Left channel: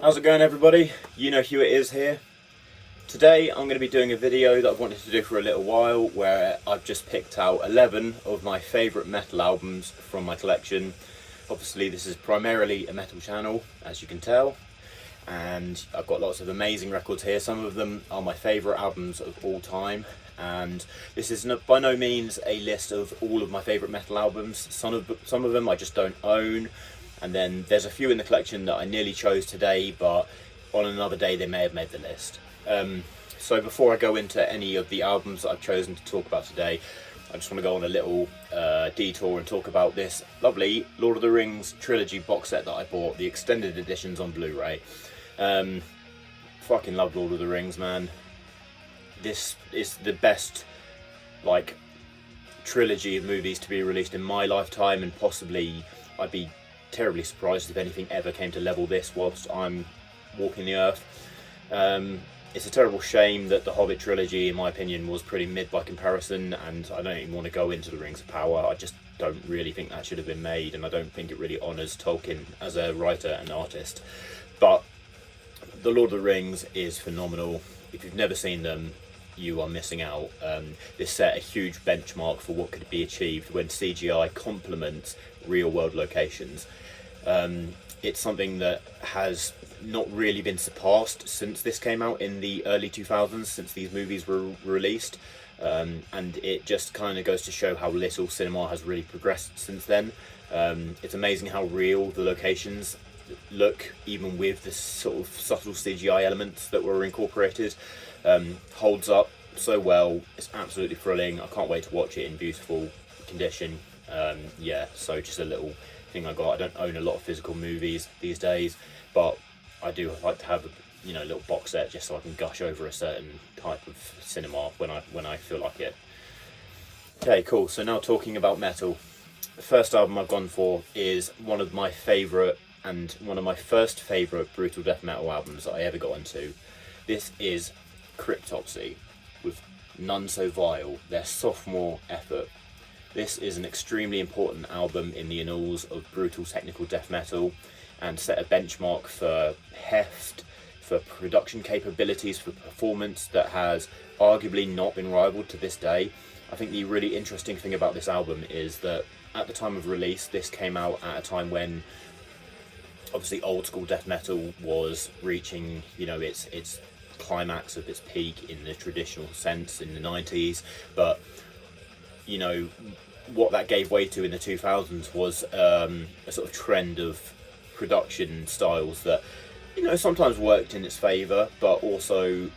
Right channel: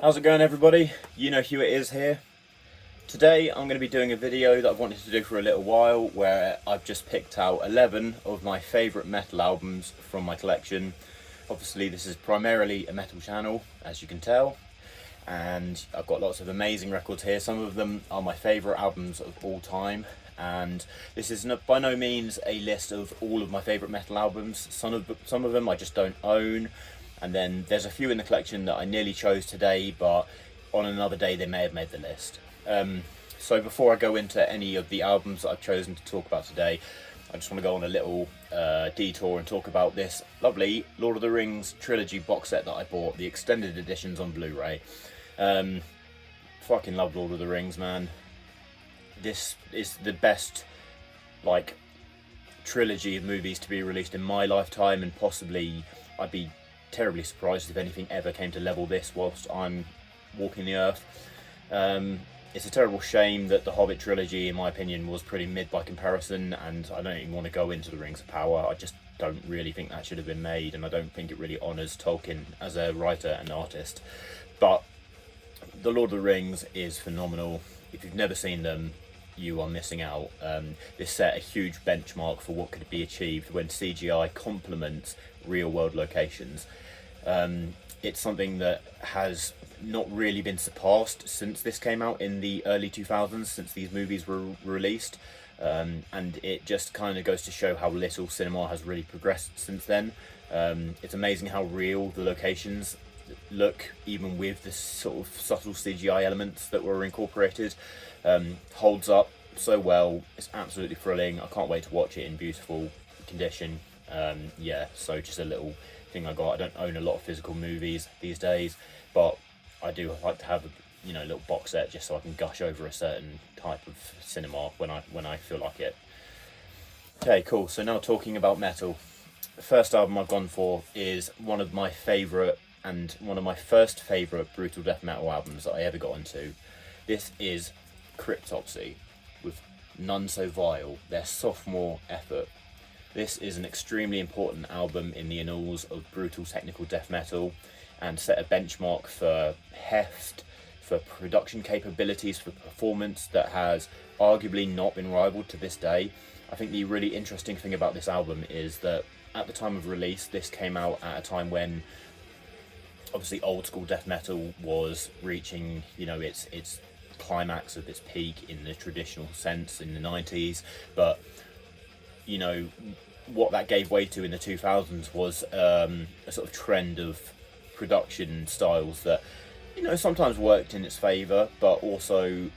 How's it going, everybody? You know who it is here. Today I'm going to be doing a video that I've wanted to do for a little while, where I've just picked out 11 of my favourite metal albums from my collection. Obviously this is primarily a metal channel, as you can tell, and I've got lots of amazing records here. Some of them are my favourite albums of all time, and this is by no means a list of all of my favourite metal albums. Some of them I just don't own, and then there's a few in the collection that I nearly chose today, but on another day they may have made the list. So before I go into any of the albums that I've chosen to talk about today, I just want to go on a little detour and talk about this lovely Lord of the Rings trilogy box set that I bought, the extended editions on Blu-ray. Fucking love Lord of the Rings, man. This is the best, like, trilogy of movies to be released in my lifetime, and possibly I'd be terribly surprised if anything ever came to level this whilst I'm walking the earth. It's a terrible shame that the Hobbit trilogy, in my opinion, was pretty mid by comparison, and I don't even want to go into the Rings of Power. I just don't really think that should have been made, and I don't think it really honours Tolkien as a writer and artist. But the Lord of the Rings is phenomenal. If you've never seen them, you are missing out. This set a huge benchmark for what could be achieved when CGI complements real world locations. It's something that has not really been surpassed since this came out in the early 2000s, since these movies were released, and it just kind of goes to show how little cinema has really progressed since then. It's amazing how real the locations look, even with the sort of subtle CGI elements that were incorporated. Holds up so well. It's absolutely thrilling. I can't wait to watch it in beautiful condition. Yeah, so just a little thing I got. I don't own a lot of physical movies these days, but I do like to have a little box set just so I can gush over a certain type of cinema when I feel like it. Okay, cool. So now talking about metal, the first album I've gone for is one of my favourite and one of my first favourite brutal death metal albums that I ever got into. This is Cryptopsy with None So Vile, their sophomore effort. This is an extremely important album in the annals of brutal technical death metal, and set a benchmark for heft, for production capabilities, for performance that has arguably not been rivaled to this day. I think the really interesting thing about this album is that at the time of release, this came out at a time when obviously old school death metal was reaching its climax of its peak in the traditional sense in the 90s, but what that gave way to in the 2000s was a sort of trend of production styles that sometimes worked in its favour, but also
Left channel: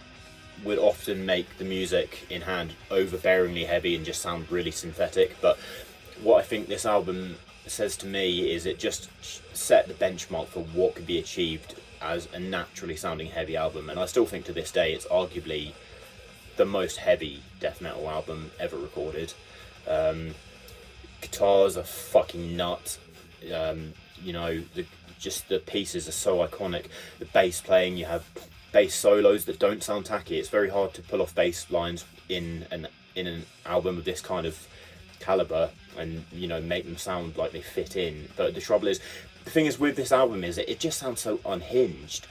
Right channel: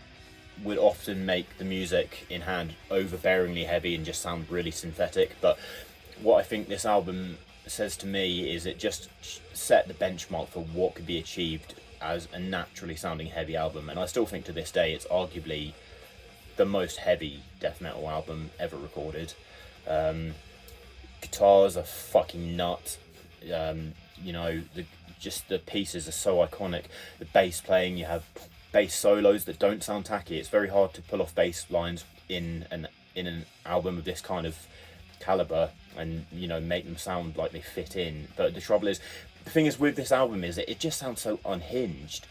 would often make the music in hand overbearingly heavy and just sound really synthetic. But what I think this album says to me is it just set the benchmark for what could be achieved as a naturally sounding heavy album, and I still think to this day it's arguably the most heavy death metal album ever recorded. Guitars are fucking nuts. Just the pieces are so iconic. The bass playing, you have bass solos that don't sound tacky. It's very hard to pull off bass lines in an album of this kind of caliber and make them sound like they fit in. But the trouble is, the thing is with this album is that it just sounds so unhinged.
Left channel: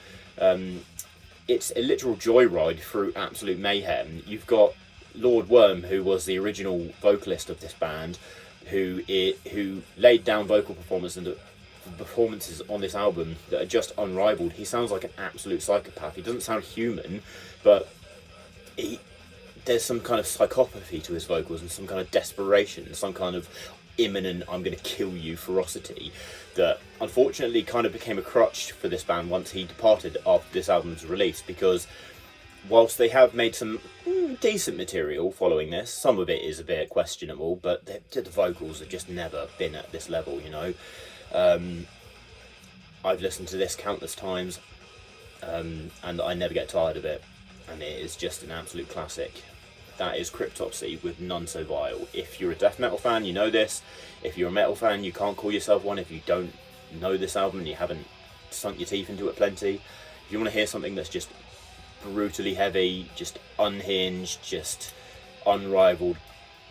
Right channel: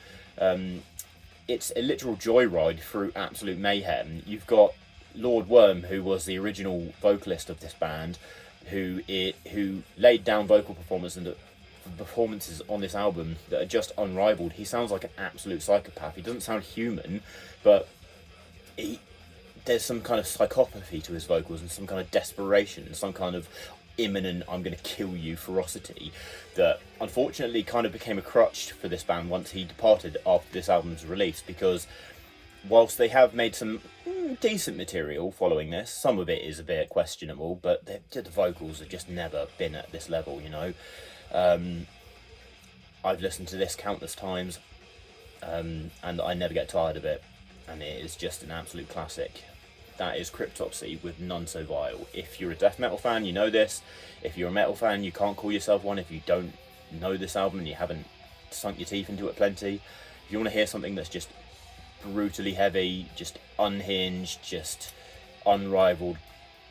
It's a literal joyride through absolute mayhem. You've got Lord Worm, who was the original vocalist of this band, who laid down vocal performances on this album that are just unrivaled. He sounds like an absolute psychopath. He doesn't sound human, but there's some kind of psychopathy to his vocals and some kind of desperation, some kind of imminent "I'm going to kill you" ferocity that unfortunately kind of became a crutch for this band once he departed after this album's release, because whilst they have made some decent material following this, some of it is a bit questionable, but the vocals have just never been at this level. I've listened to this countless times, and I never get tired of it, and it is just an absolute classic. That is Cryptopsy with None So Vile. If you're a death metal fan, you know this. If you're a metal fan, you can't call yourself one if you don't know this album and you haven't sunk your teeth into it plenty. If you want to hear something that's just brutally heavy, just unhinged, just unrivaled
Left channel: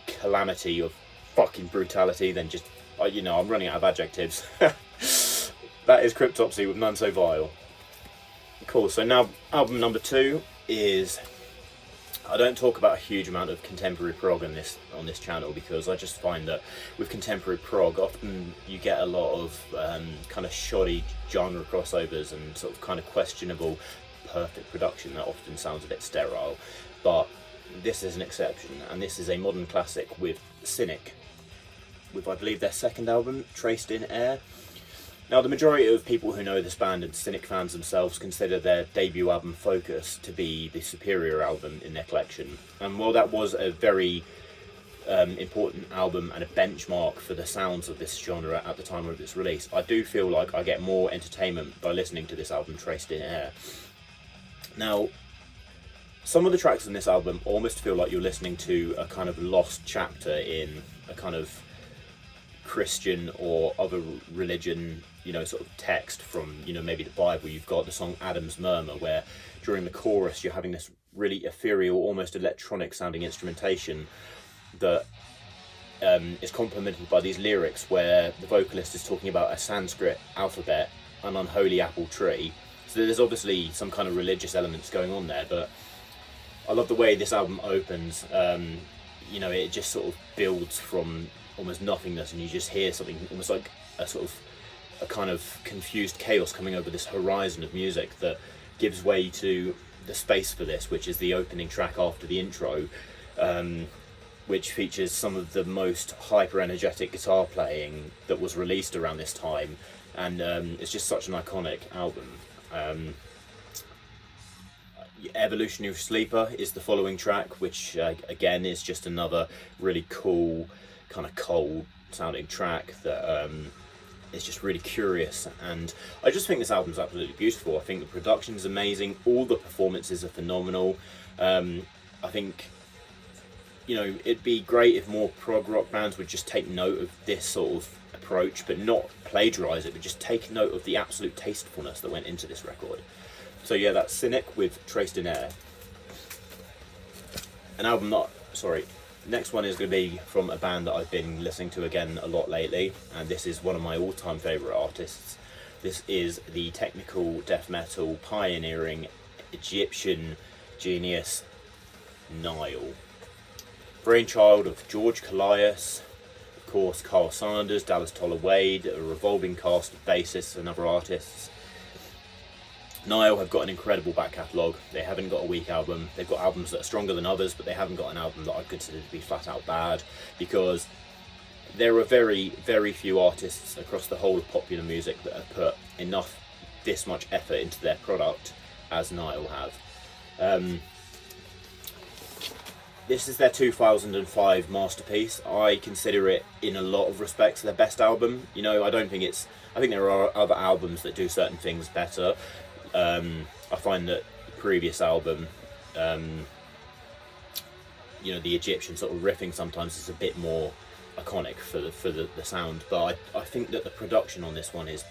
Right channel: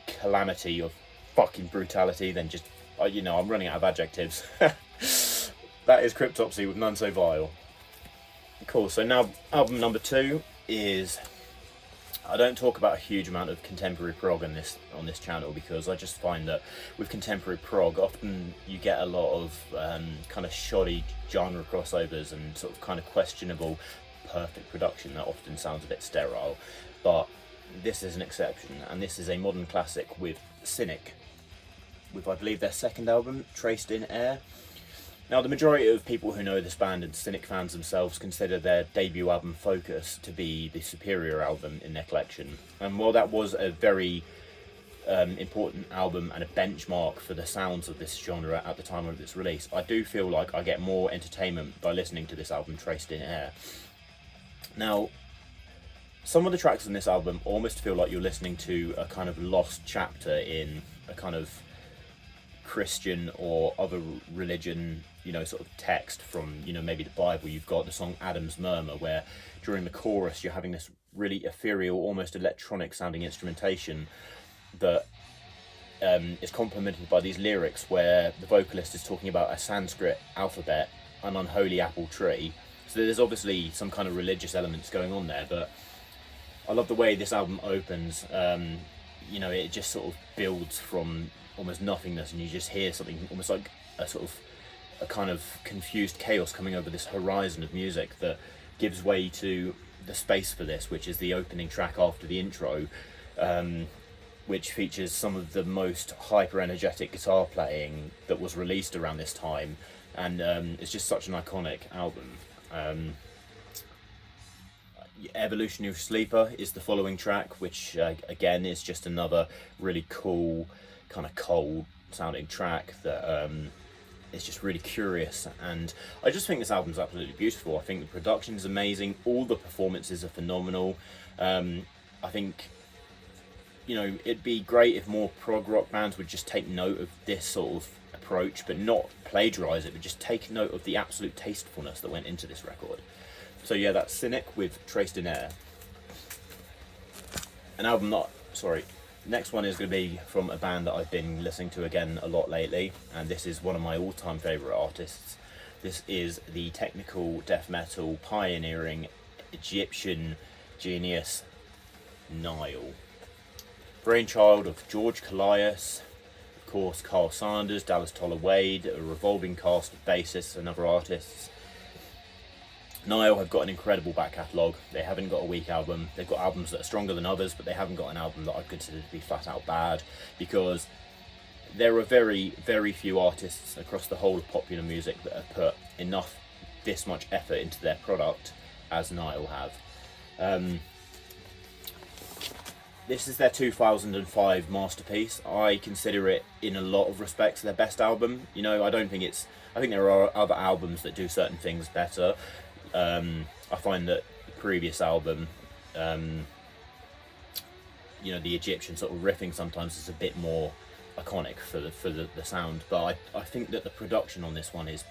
calamity of fucking brutality, then just I'm running out of adjectives. That is Cryptopsy with None So Vile. Cool, so now album number 2 is, I don't talk about a huge amount of contemporary prog on this channel, because I just find that with contemporary prog often you get a lot of kind of shoddy genre crossovers and sort of kind of questionable perfect production that often sounds a bit sterile, but this is an exception, and this is a modern classic with Cynic, with I believe their second album, Traced in Air. Now, the majority of people who know this band and Cynic fans themselves consider their debut album Focus to be the superior album in their collection. And while that was a very important album and a benchmark for the sounds of this genre at the time of its release, I do feel like I get more entertainment by listening to this album, Traced in Air. Now, some of the tracks on this album almost feel like you're listening to a kind of lost chapter in a kind of Christian or other religion, you know, sort of text from, you know, maybe the Bible. You've got the song Adam's Murmur, where during the chorus you're having this really ethereal, almost electronic sounding instrumentation that is complemented by these lyrics where the vocalist is talking about a Sanskrit alphabet, an unholy apple tree. So there's obviously some kind of religious elements going on there, but I love the way this album opens. You know, it just sort of builds from almost nothingness, and you just hear something almost like a sort of a kind of confused chaos coming over this horizon of music that gives way to the space for this, which is the opening track after the intro, which features some of the most hyper energetic guitar playing that was released around this time, and it's just such an iconic album. Evolutionary Sleeper is the following track, which again is just another really cool kind of cold sounding track that is just really curious, and I just think this album's absolutely beautiful. I think the production is amazing, all the performances are phenomenal. I think, you know, it'd be great if more prog rock bands would just take note of this sort of approach, but not plagiarise it, but just take note of the absolute tastefulness that went into this record. So yeah, that's Cynic with Traced in Air. An album not, sorry, next one is going to be from a band that I've been listening to again a lot lately, and this is one of my all-time favourite artists. This is the technical death metal pioneering Egyptian genius Nile. Brainchild of George Callias, of course Carl Sanders, Dallas Toller Wade, a revolving cast of bassists and other artists. Nile have got an incredible back catalogue. They haven't got a weak album. They've got albums that are stronger than others, but they haven't got an album that I consider to be flat out bad, because there are very, very few artists across the whole of popular music that have put enough, this much effort into their product as Nile have. This is their 2005 masterpiece. I consider it, in a lot of respects, their best album. You know, I think there are other albums that do certain things better. I find that the previous album, you know, the Egyptian sort of riffing sometimes is a bit more iconic for the sound, but I think that the production on this one is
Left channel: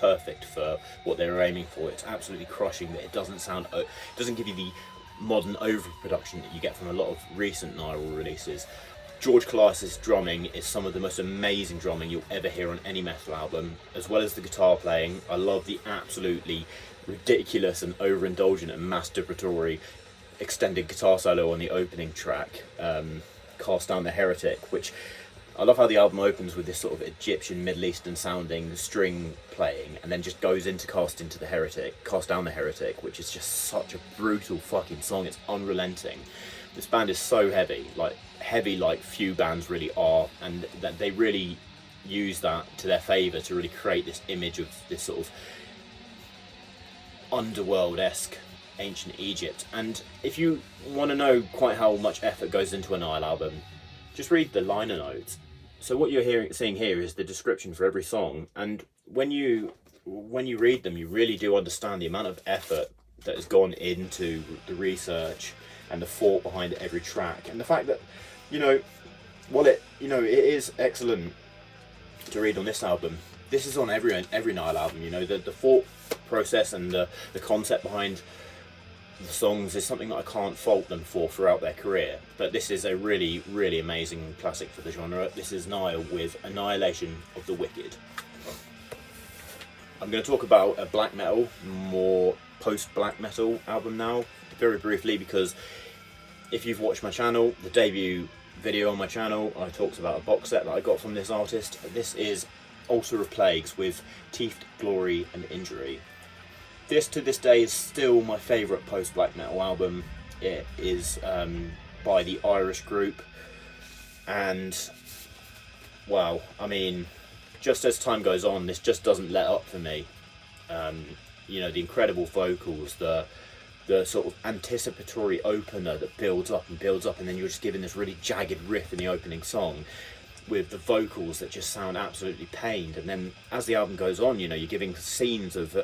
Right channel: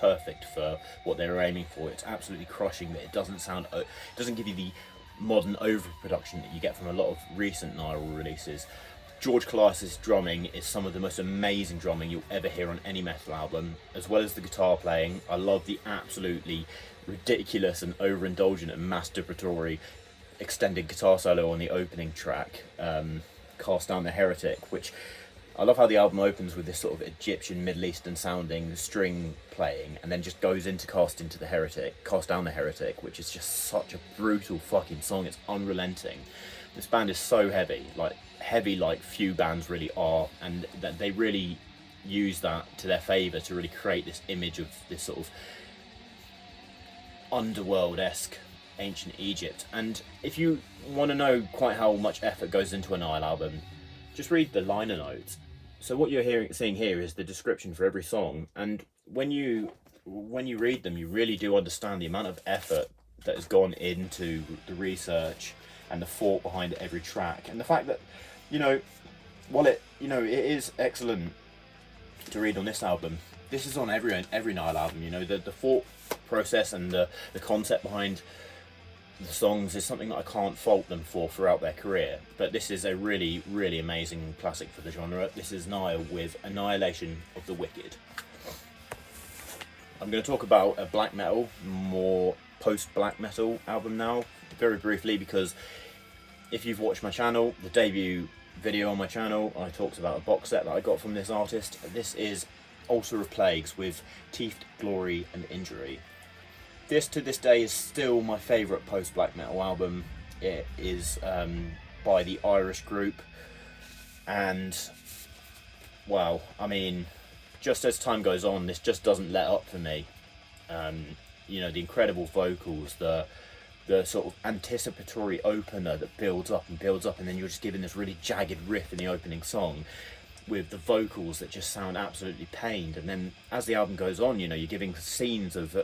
perfect for what they were aiming for. It's absolutely crushing, but it doesn't give you the modern overproduction that you get from a lot of recent Nile releases. George Callias' drumming is some of the most amazing drumming you'll ever hear on any metal album, as well as the guitar playing. I love the absolutely ridiculous and overindulgent and masturbatory extended guitar solo on the opening track, Cast Down the Heretic, which I love how the album opens with this sort of Egyptian Middle Eastern sounding string playing, and then just goes into Cast Down the Heretic, which is just such a brutal fucking song. It's unrelenting. This band is so heavy like few bands really are, and that they really use that to their favour to really create this image of this sort of underworld-esque ancient Egypt. And if you want to know quite how much effort goes into a Nile album, just read the liner notes. So what you're seeing here is the description for every song, and when you read them, you really do understand the amount of effort that has gone into the research and the thought behind every track, and the fact that, you know, while it is excellent to read on this album, this is on every Nile album. You know, the thought process and the concept behind the songs is something that I can't fault them for throughout their career. But this is a really, really amazing classic for the genre. This is Nile with Annihilation of the Wicked. I'm going to talk about black metal more post-black metal album now, very briefly, because if you've watched my channel, the debut video on my channel, I talked about a box set that I got from this artist. This is Altar of Plagues with Teeth, Glory and Injury. This to this day is still my favourite post-black metal album. It is by the Irish group, and well, I mean, just as time goes on, this just doesn't let up for me. You know, the incredible vocals, the sort of anticipatory opener that builds up, and then you're just given this really jagged riff in the opening song with the vocals that just sound absolutely pained. And then as the album goes on, you know, you're giving scenes of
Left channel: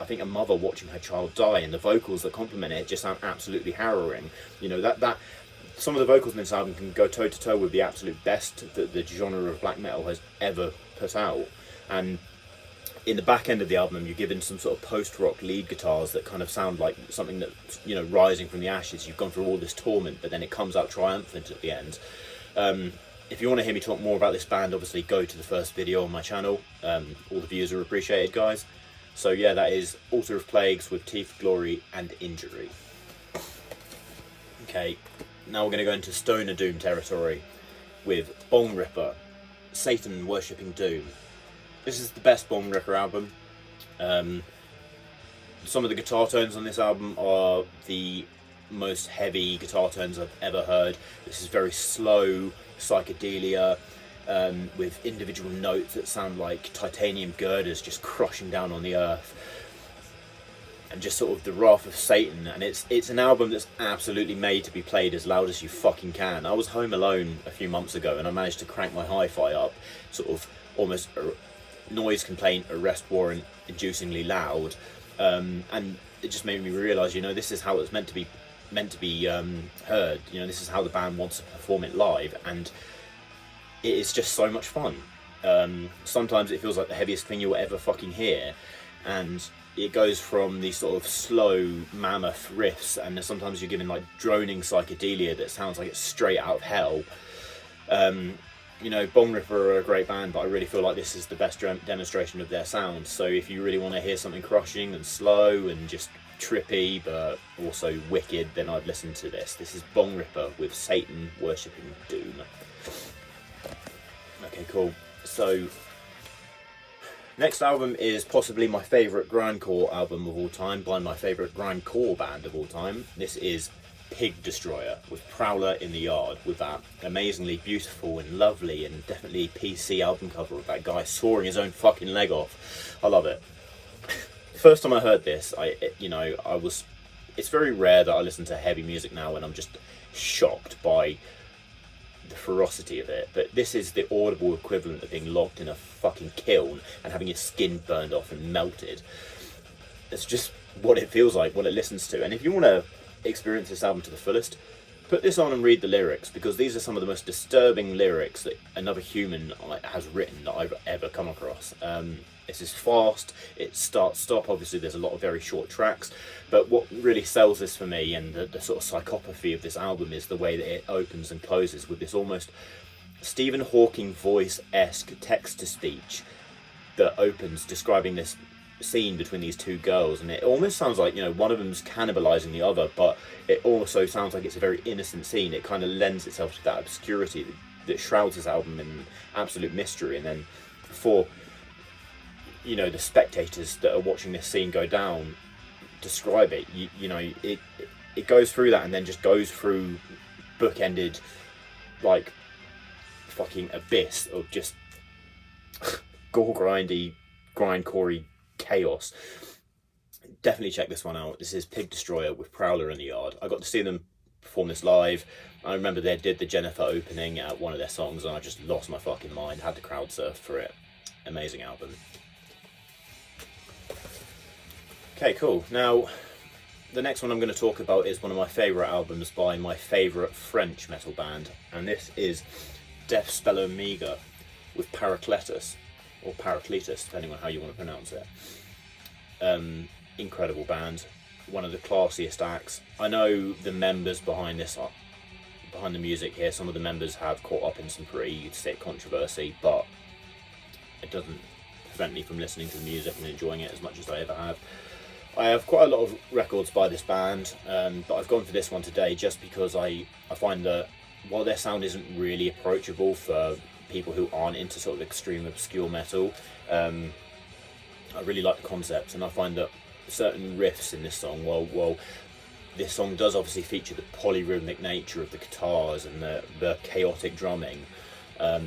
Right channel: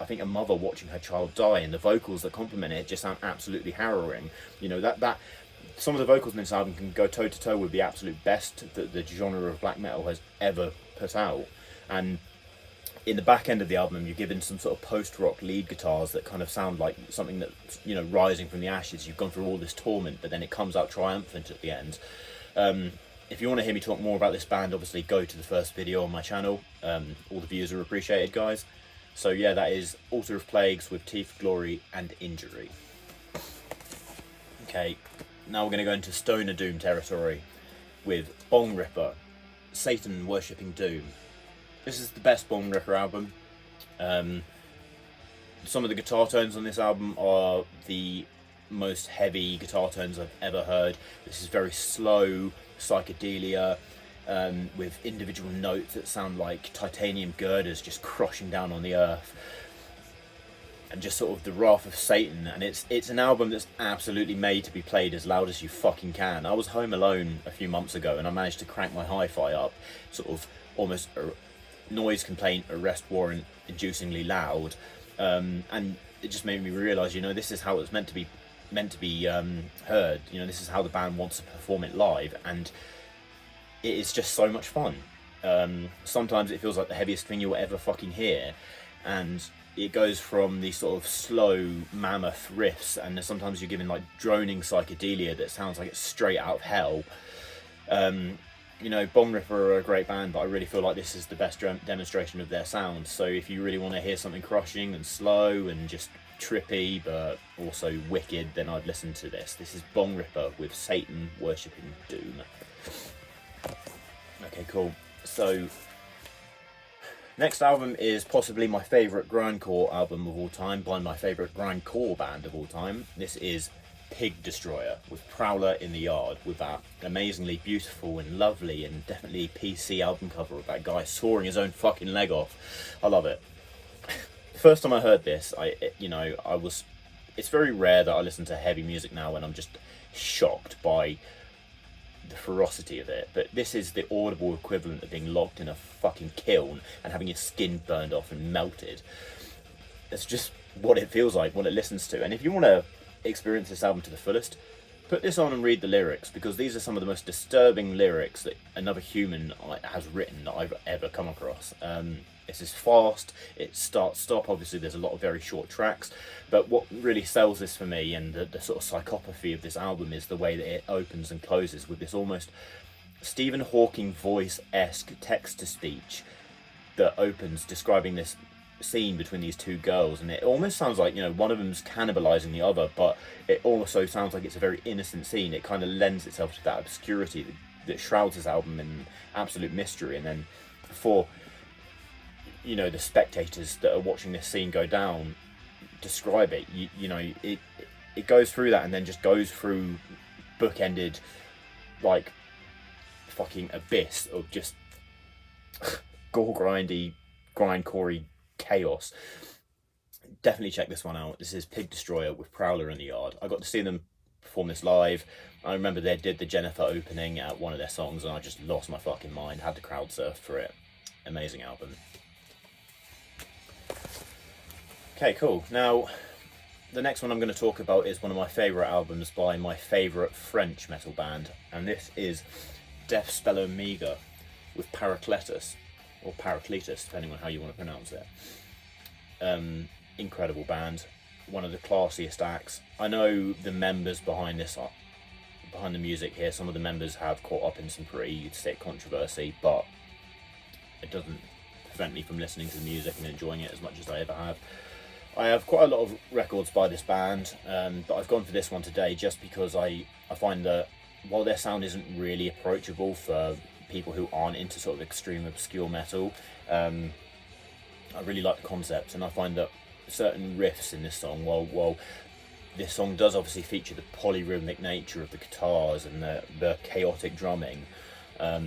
I think a mother watching her child die, and the vocals that complement it just sound absolutely harrowing. You know, that some of the vocals in this album can go toe to toe with the absolute best that the genre of black metal has ever put out. And in the back end of the album, you're given some sort of post-rock lead guitars that kind of sound like something that, you know, rising from the ashes. You've gone through all this torment, but then it comes out triumphant at the end. If you want to hear me talk more about this band, obviously go to the first video on my channel. All the views are appreciated, guys. So yeah, that is Altar of Plagues with Teeth, Glory and Injury. Okay, now we're going to go into Stoner Doom territory with Bongripper, Satan Worshipping Doom. This is the best Bongripper album. Some of the guitar tones on this album are the most heavy guitar tones I've ever heard. This is very slow psychedelia, with individual notes that sound like titanium girders just crushing down on the earth, and just sort of the wrath of Satan. And it's an album that's absolutely made to be played as loud as you fucking can. I was home alone a few months ago and I managed to crank my hi-fi up sort of almost noise complaint arrest warrant inducingly loud, and it just made me realise, you know, this is how it's meant to be heard. You know, this is how the band wants to perform it live, and it is just so much fun. Sometimes it feels like the heaviest thing you'll ever fucking hear, and it goes from these sort of slow mammoth riffs, and then sometimes you're given like droning psychedelia that sounds like it's straight out of hell. You know, Bongripper are a great band, but I really feel like this is the best demonstration of their sound. So if you really want to hear something crushing and slow and just trippy but also wicked, then I'd listen to this. This is Bongripper with Satan Worshipping Doom. Okay, cool. So next album is possibly my favourite grindcore album of all time by my favourite grindcore band of all time. This is Pig Destroyer with Prowler in the Yard, with that amazingly beautiful and lovely and definitely PC album cover of that guy sawing his own fucking leg off. I love it. First time I heard this, it's very rare that I listen to heavy music now and I'm just shocked by the ferocity of it, but this is the audible equivalent of being locked in a fucking kiln and having your skin burned off and melted. It's just what it feels like, what it listens to. And if you want to experience this album to the fullest, put this on and read the lyrics, because these are some of the most disturbing lyrics that another human has written that I've ever come across. This is fast, it's start-stop. Obviously there's a lot of very short tracks, but what really sells this for me, and the sort of psychopathy of this album, is the way that it opens and closes with this almost Stephen Hawking voice-esque text-to-speech that opens describing this scene between these two girls, and it almost sounds like, you know, one of them's cannibalizing the other, but it also sounds like it's a very innocent scene. It kind of lends itself to that obscurity that shrouds this album in absolute mystery. And then for, you know, the spectators that are watching this scene go down, describe it, you know, it goes through that and then just goes through bookended like fucking abyss of just gore grindy grindcorey chaos. Definitely check this one out. This is Pig Destroyer with Prowler in the Yard. I got to see them perform this live. I remember they did the Jennifer opening at one of their songs and I just lost my fucking mind, had to crowd surf for it. Amazing album. Okay, cool. Now the next one I'm going to talk about is one of my favourite albums by my favourite French metal band, and this is Deathspell Omega with Paracletus, or Paracletus, depending on how you want to pronounce it. Incredible band, one of the classiest acts. I know the members behind the music here, some of the members have caught up in some pretty sick controversy, but it doesn't prevent me from listening to the music and enjoying it as much as I ever have. I have quite a lot of records by this band, but I've gone for this one today just because I find that while their sound isn't really approachable for people who aren't into sort of extreme obscure metal, I really like the concept, and I find that certain riffs in this song, while this song does obviously feature the polyrhythmic nature of the guitars and the chaotic drumming, I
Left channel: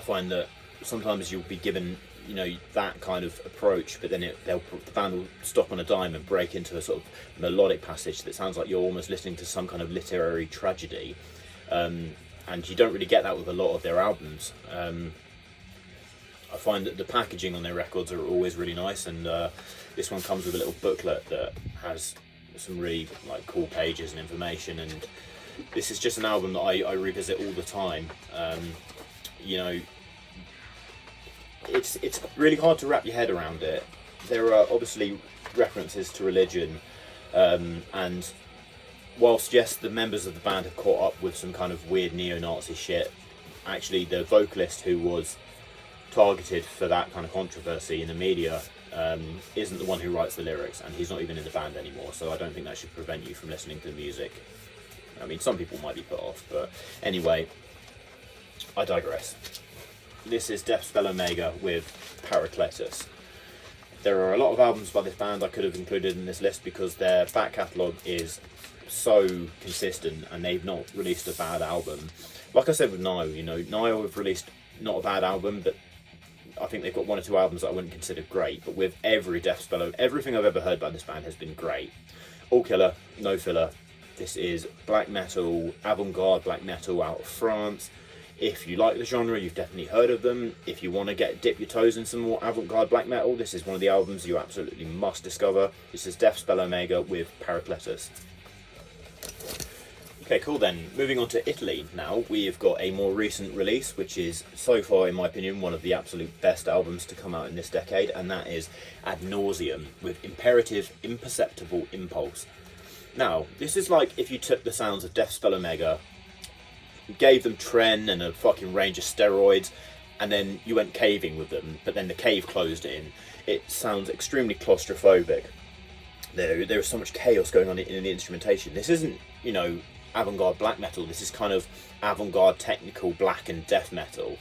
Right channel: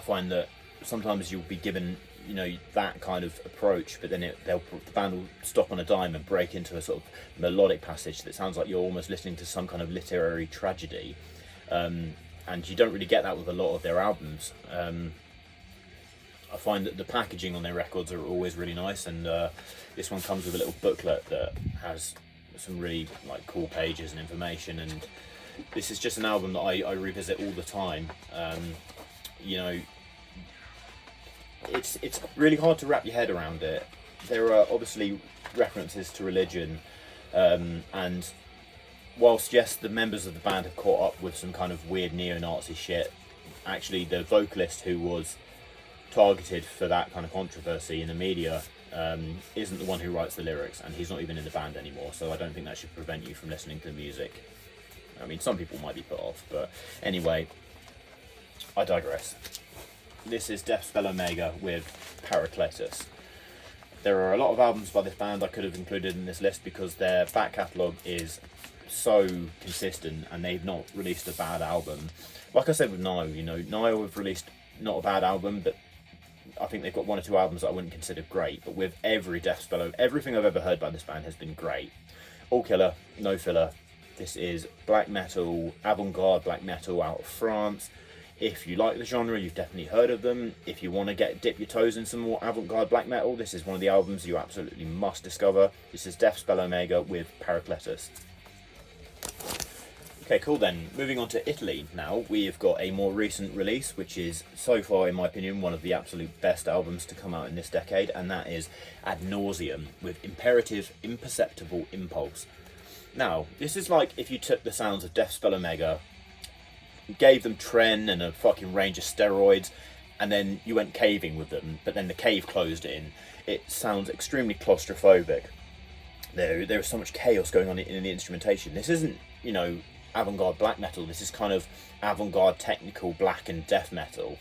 find that sometimes you'll be given, you know, that kind of approach, but then the band will stop on a dime and break into a sort of melodic passage that sounds like you're almost listening to some kind of literary tragedy, and you don't really get that with a lot of their albums. I find that the packaging on their records are always really nice, and this one comes with a little booklet that has some really like cool pages and information, and this is just an album that I revisit all the time. You know, it's really hard to wrap your head around it. There are obviously references to religion, and whilst yes, the members of the band have caught up with some kind of weird neo-Nazi shit, actually the vocalist who was targeted for that kind of controversy in the media isn't the one who writes the lyrics, and he's not even in the band anymore, so I don't think that should prevent you from listening to the music. I mean, some people might be put off, but anyway, I digress. This is Deathspell Omega with Paracletus. There are a lot of albums by this band I could have included in this list because their back catalogue is so consistent and they've not released a bad album. Like I said with Nile, you know, Nile have released not a bad album, but I think they've got one or two albums that I wouldn't consider great. But with every Deathspell, everything I've ever heard by this band has been great. All killer, no filler. This is black metal, avant-garde black metal out of France. If you like the genre, you've definitely heard of them. If you want to dip your toes in some more avant-garde black metal, this is one of the albums you absolutely must discover. This is Deathspell Omega with Paracletus. Okay, cool then. Moving on to Italy now, we have got a more recent release, which is, so far in my opinion, one of the absolute best albums to come out in this decade, and that is Ad Nauseam with Imperceptible Impulse. Now, this is like if you took the sounds of Deathspell Omega, gave them Tren and a fucking range of steroids, and then you went caving with them, but then the cave closed in. It sounds extremely claustrophobic. There is so much chaos going on in the instrumentation. This isn't, you know, avant-garde black metal. This is kind of avant-garde technical black and death metal.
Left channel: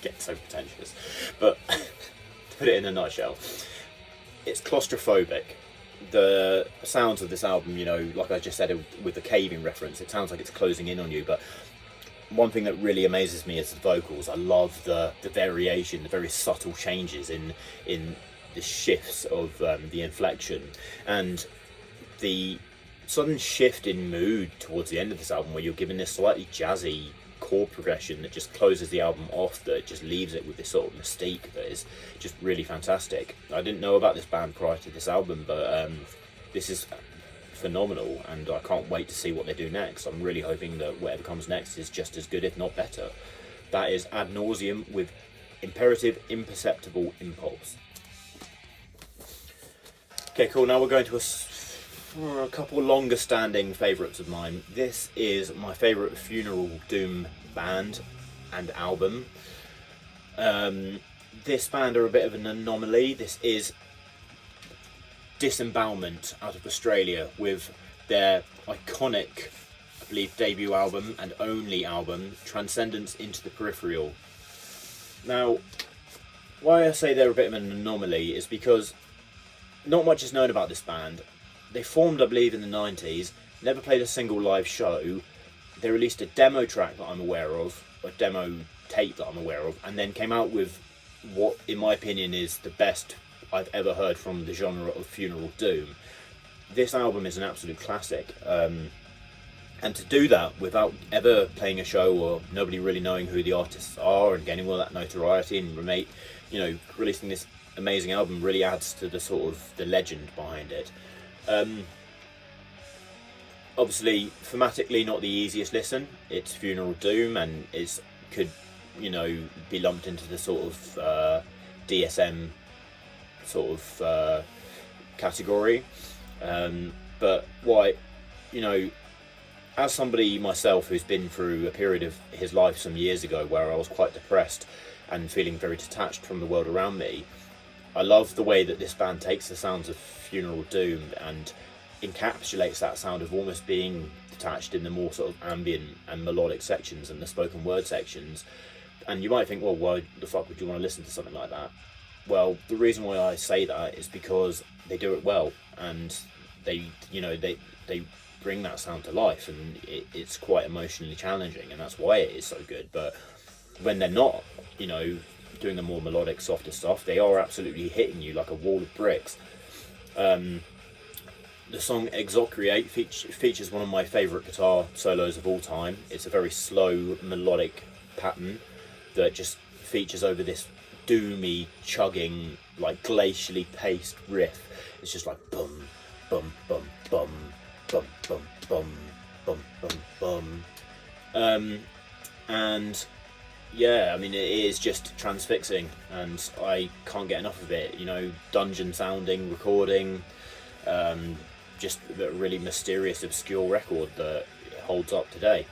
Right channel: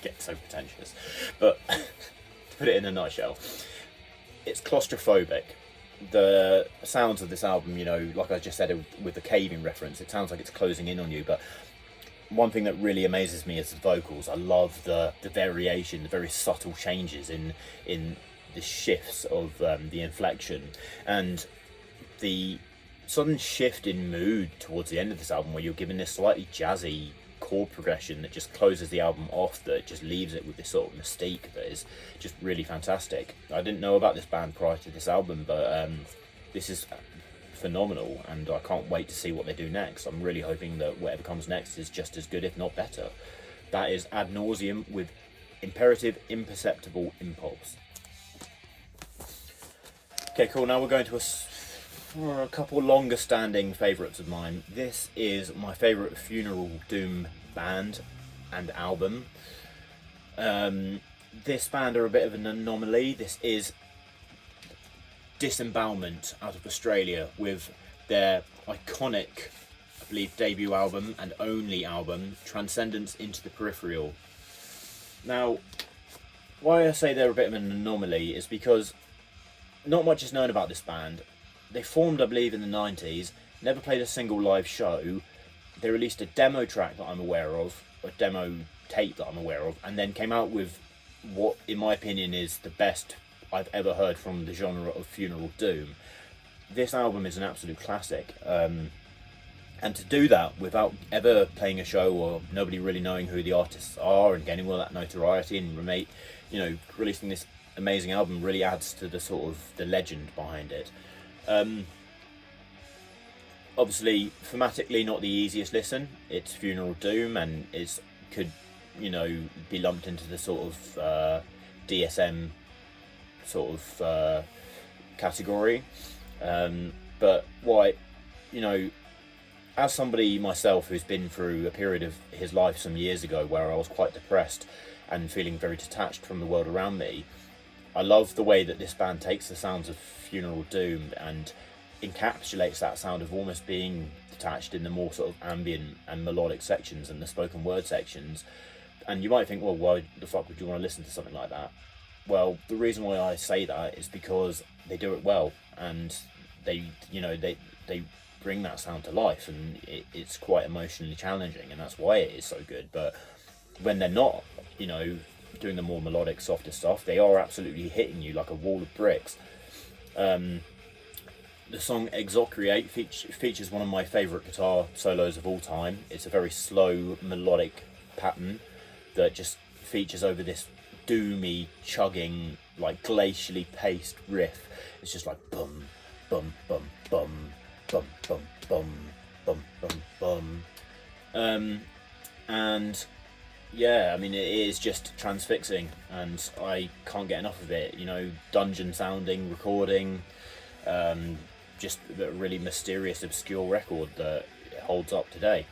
Getting so pretentious, but to put it in a nutshell, it's claustrophobic. The sounds of this album, you know, like I just said with the caving reference, it sounds like it's closing in on you, but one thing that really amazes me is the vocals. I love the variation, the very subtle changes in the shifts of the inflection, and the sudden shift in mood towards the end of this album where you're given this slightly jazzy chord progression that just closes the album off, that just leaves it with this sort of mystique that is just really fantastic. I didn't know about this band prior to this album, but this is phenomenal, and I can't wait to see what they do next. I'm really hoping that whatever comes next is just as good, if not better. That is Ad Nauseam with Imperceptible Impulse. Okay, cool. Now we're going to a couple longer standing favourites of mine. This is my favourite funeral doom band and album. This band are a bit of an anomaly. This is Disembowelment out of Australia with their iconic, I believe, debut album and only album, Transcendence into the Peripheral. Now, why I say they're a bit of an anomaly is because not much is known about this band. They formed, I believe, in the 90s, never played a single live show. They released a demo track that I'm aware of, a demo tape that I'm aware of, and then came out with what, in my opinion, is the best I've ever heard from the genre of funeral doom. This album is an absolute classic, and to do that without ever playing a show or nobody really knowing who the artists are and getting all that notoriety and releasing this amazing album really adds to the sort of the legend behind it. Obviously, thematically not the easiest listen. It's funeral doom and could be lumped into the sort of DSM sort of category. But as somebody myself who's been through a period of his life some years ago where I was quite depressed and feeling very detached from the world around me, I love the way that this band takes the sounds of Funeral Doom and encapsulates that sound of almost being detached in the more sort of ambient and melodic sections and the spoken word sections. And you might think, well, why the fuck would you want to listen to something like that? Well, the reason why I say that is because they do it well, and they bring that sound to life, and it's quite emotionally challenging, and that's why it is so good. But when they're not, doing the more melodic, softer stuff, they are absolutely hitting you like a wall of bricks. The song Exocreate features one of my favourite guitar solos of all time. It's a very slow, melodic pattern that just features over this doomy, chugging, like glacially paced riff. It's just like bum, bum, bum, bum, bum, bum, bum, bum, bum, bum. And yeah, I mean, it is just transfixing, and I can't get enough of it. Dungeon sounding recording, just a really mysterious, obscure record that holds up today.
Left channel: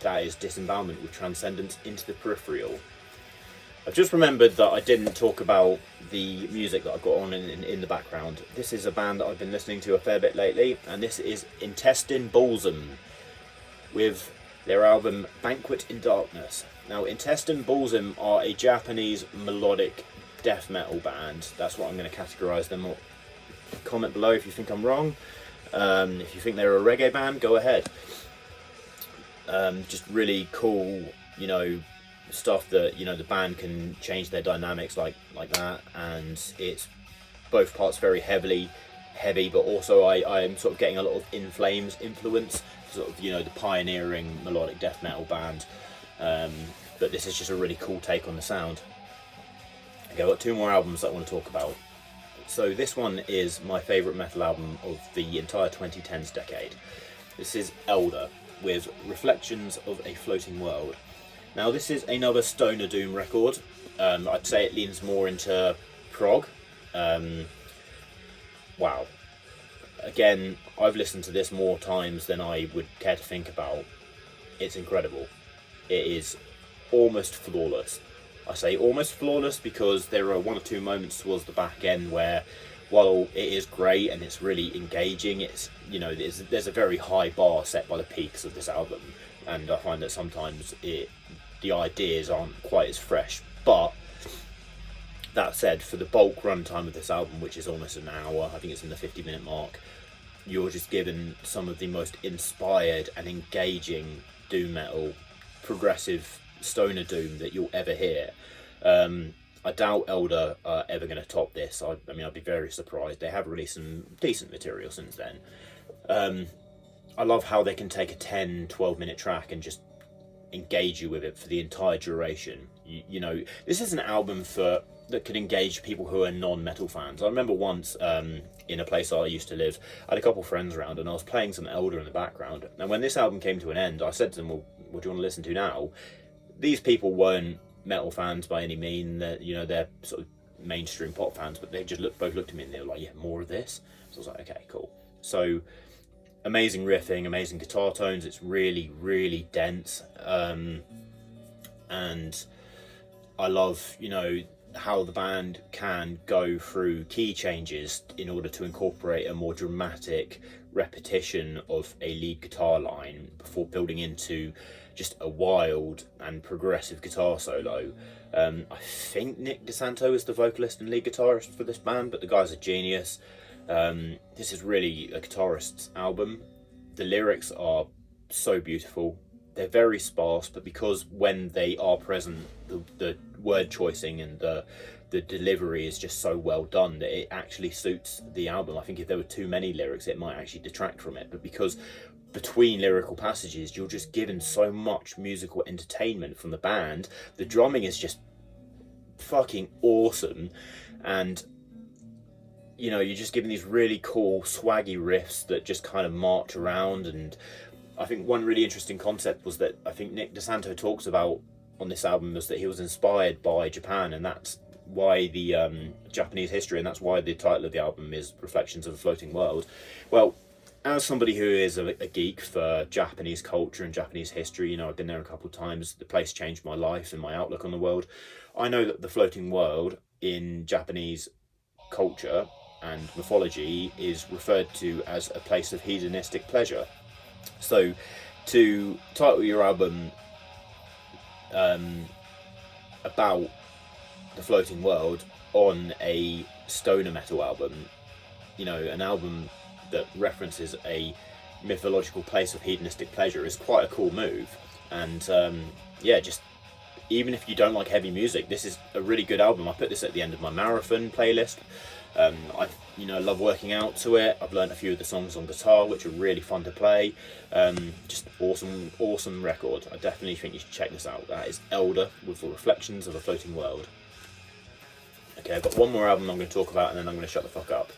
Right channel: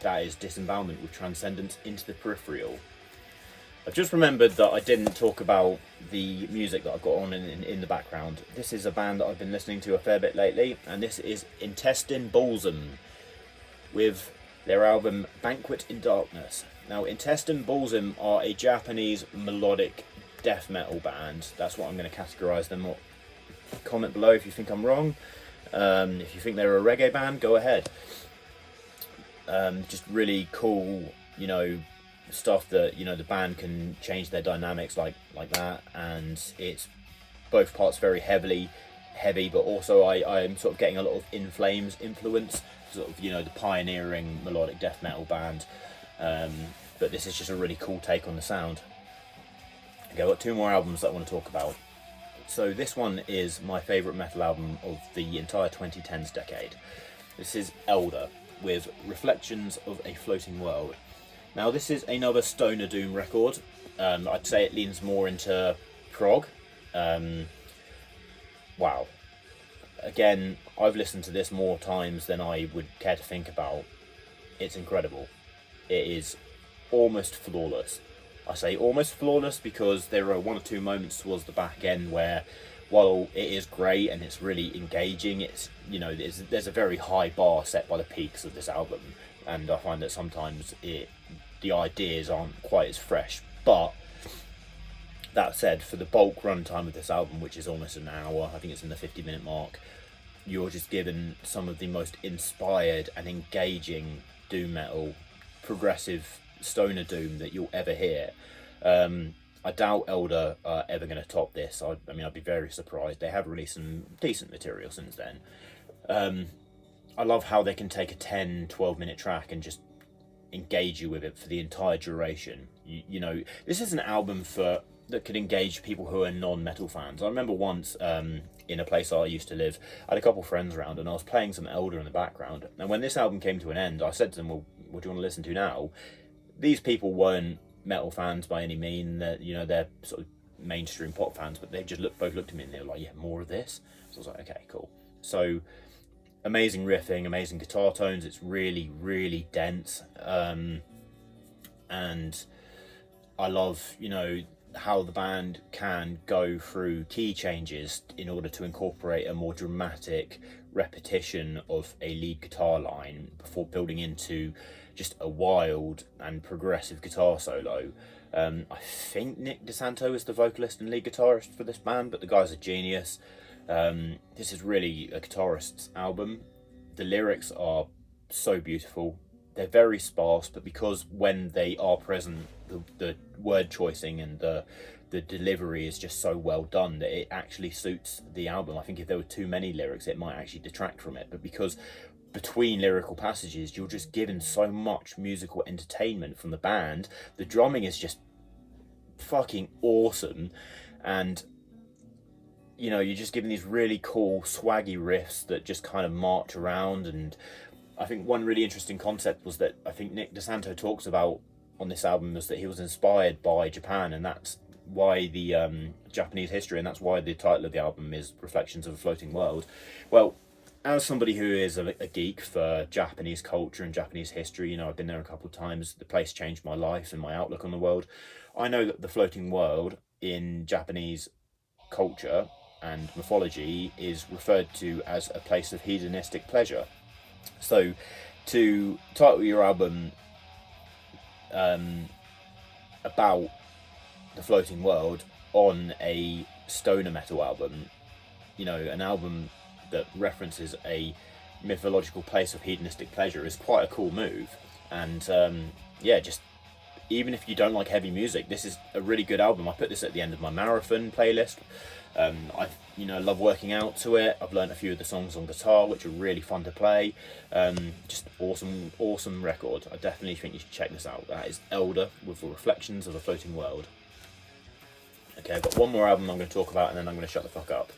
That is Disembowelment with Transcendence into the Peripheral. I've just remembered that I didn't talk about the music that I've got on in the background. This is a band that I've been listening to a fair bit lately, and this is Imperceptible with their album Banquet in Darkness. Now, Imperceptible are a Japanese melodic death metal band. That's what I'm going to categorise them. Comment below if you think I'm wrong. If you think they're a reggae band, go ahead. Just really cool, stuff that the band can change their dynamics like that, and it's both parts very heavy, but also I'm sort of getting a lot of In Flames influence, sort of the pioneering melodic death metal band. But this is just a really cool take on the sound. Okay, I've got 2 more albums that I want to talk about. So this one is my favourite metal album of the entire 2010s decade. This is Elder with Reflections of a Floating World. Now, this is another Stoner Doom record. I'd say it leans more into prog. Wow. Again, I've listened to this more times than I would care to think about. It's incredible. It is almost flawless. I say almost flawless because there are 1 or 2 moments towards the back end where, while it is great and it's really engaging, it's there's a very high bar set by the peaks of this album, and I find that sometimes the ideas aren't quite as fresh. But that said, for the bulk runtime of this album, which is almost an hour, I think it's in the 50-minute mark, you're just given some of the most inspired and engaging doom metal, progressive stoner doom that you'll ever hear. I doubt Elder are ever going to top this. I mean, I'd be very surprised. They have released some decent material since then. I love how they can take a 10-12 minute track and just engage you with it for the entire duration. This is an album that could engage people who are non-metal fans. I remember once in a place I used to live, I had a couple of friends around and I was playing some Elder in the background, and when this album came to an end, I said to them, well, what do you want to listen to now? These people weren't metal fans by any mean. They're sort of mainstream pop fans, but they just both looked at me and they were like, yeah, more of this. So I was like, okay, cool. So amazing riffing, amazing guitar tones. It's really, really dense, and I love how the band can go through key changes in order to incorporate a more dramatic repetition of a lead guitar line before building into just a wild and progressive guitar solo. I think Nick DeSanto is the vocalist and lead guitarist for this band, but the guy's a genius. This is really a guitarist's album. The lyrics are so beautiful. They're very sparse, but because when they are present, the word choicing and the delivery is just so well done that it actually suits the album. I think if there were too many lyrics, it might actually detract from it, but because between lyrical passages you're just given so much musical entertainment from the band, the drumming is just fucking awesome, and you're just given these really cool swaggy riffs that just kind of march around. And I think one really interesting concept was that I think Nick DeSanto talks about on this album was that he was inspired by Japan, and that's why the Japanese history, and that's why the title of the album is Reflections of a Floating World. Well, as somebody who is a geek for Japanese culture and Japanese history, I've been there a couple of times. The place changed my life and my outlook on the world. I know that the floating world in Japanese culture and mythology is referred to as a place of hedonistic pleasure. So to title your album about the floating world on a stoner metal album, you know, an album that references a mythological place of hedonistic pleasure, is quite a cool move. And yeah, just even if you don't like heavy music, this is a really good album. I put this at the end of my marathon playlist. I love working out to it. I've learned a few of the songs on guitar, which are really fun to play. Just awesome record. I definitely think you should check this out. That is Elder with the Reflections of a Floating World. Okay, I've got one more album I'm going to talk about, and then I'm going to shut the fuck up.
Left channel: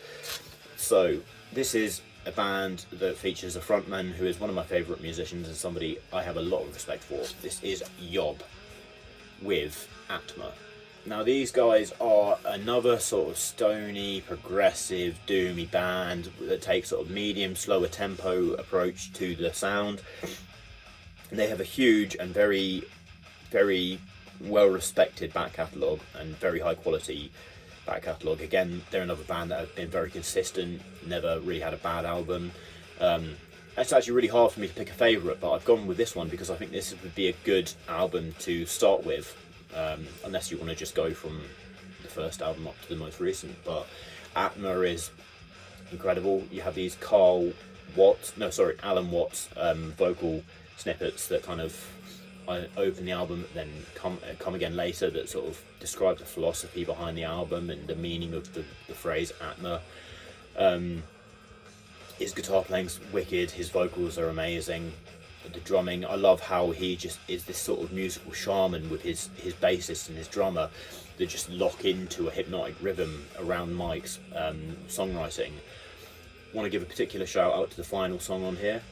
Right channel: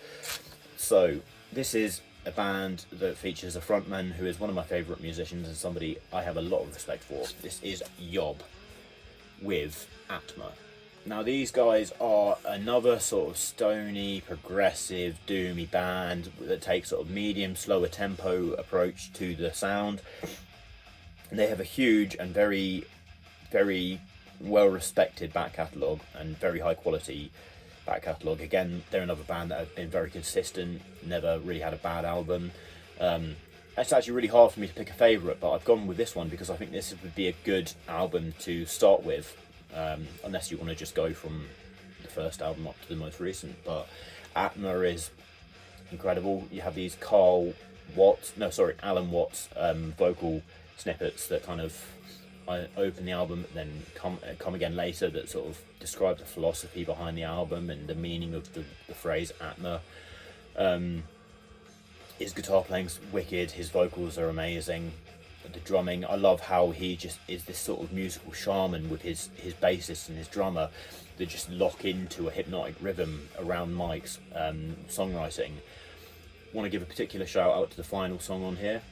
So this is a band that features a frontman who is one of my favourite musicians and somebody I have a lot of respect for. This is Yob with ATMA. Now these guys are another sort of stony, progressive, doomy band that takes sort of medium, slower tempo approach to the sound. They have a huge and very, very well respected back catalogue and very high quality back catalogue. Again, they're another band that have been very consistent, never really had a bad album. It's actually really hard for me to pick a favourite, but I've gone with this one because I think this would be a good album to start with, unless you want to just go from the first album up to the most recent. But ATMA is incredible. You have these Alan Watts vocal snippets that kind of open the album, then come again later, that sort of describe the philosophy behind the album and the meaning of the phrase ATMA. His guitar playing's wicked, his vocals are amazing, the drumming, I love how he just is this sort of musical shaman with his bassist and his drummer that just lock into a hypnotic rhythm around Mike's songwriting. I want to give a particular shout out to the final song on here,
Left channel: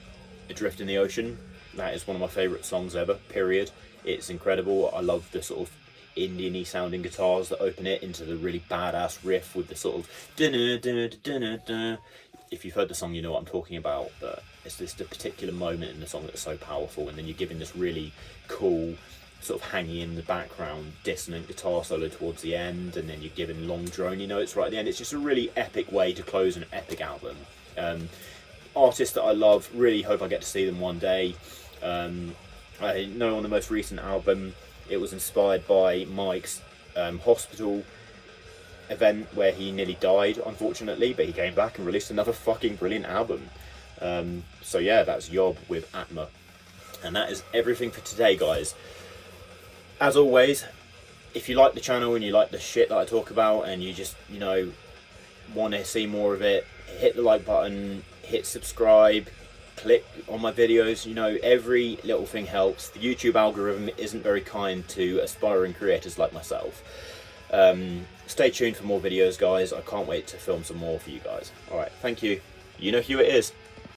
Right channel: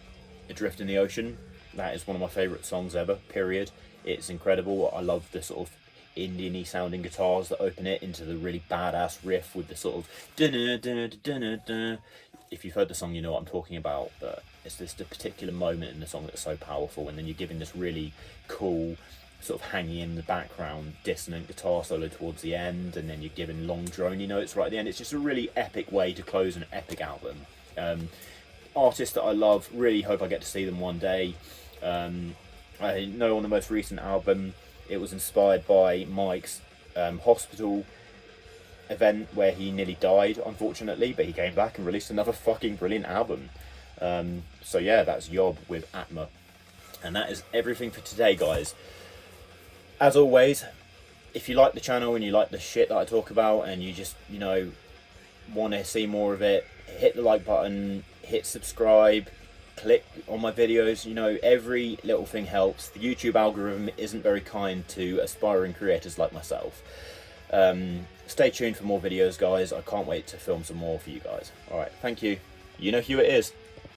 Adrift in the Ocean. That is one of my favourite songs ever, period. It's incredible. I love the sort of Indian-y sounding guitars that open it into the really badass riff with the sort of dun-dun-dun-dun-dun-dun. If you've heard the song, you know what I'm talking about, but it's this the particular moment in the song that's so powerful, and then you're given this really cool, sort of hanging in the background, dissonant guitar solo towards the end, and then you're given long drony notes right at the end. It's just a really epic way to close an epic album. Artists that I love, really hope I get to see them one day. I know on the most recent album, it was inspired by Mike's hospital event where he nearly died, unfortunately, but he came back and released another fucking brilliant album. So yeah, that's Yob with ATMA. And that is everything for today, guys. As always, if you like the channel and you like the shit that I talk about and you just, want to see more of it, hit the like button, hit subscribe, click on my videos. Every little thing helps. The YouTube algorithm isn't very kind to aspiring creators like myself. Stay tuned for more videos, guys. I can't wait to film some more for you guys. Alright, thank you. You know who it is.